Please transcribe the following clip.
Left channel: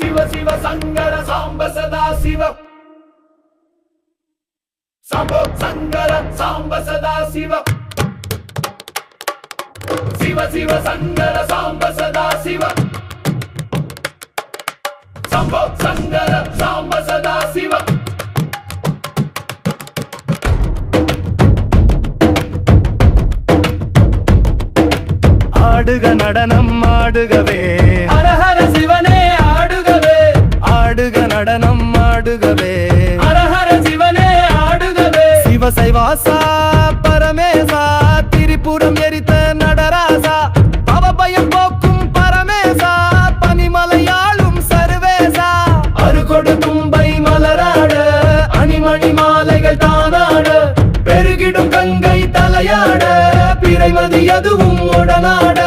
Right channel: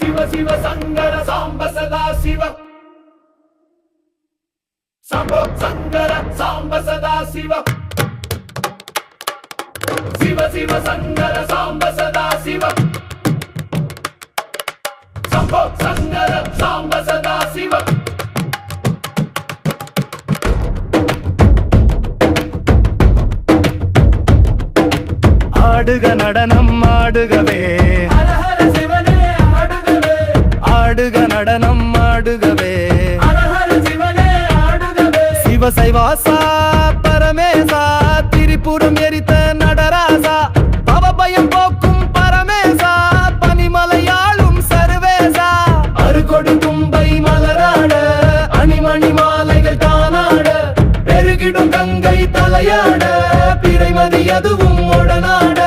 சிவ சிவ சங்கர சாம்ப சதா சிவ சம்போ சங்கர சாம்ப சதா சிவ சிவ சிவ சங்கர சாம்ப சதா சிவ சம்போ சங்கர சாம்ப சதா சிவ ஆடுக நடனம் ஆடுகவே ஹர ஹர சிவனே ஆடுகவே ஆடுக நடனம் ஆடுகவே ஹர ஹர சிவனே ஆடுகவே சிவசைவாசா பரமேசா திரிபுரம் எரித்த நடராசா பவபயம் போக்கும் பரமேசா பனிமலையாளும் சர்வேசா அருகொடு தும்பை மலராட அணிமணி மாலைகள் தானாட பெருகிடும் கங்கை தலையாட பிறைமதி அதுவும் உடனாட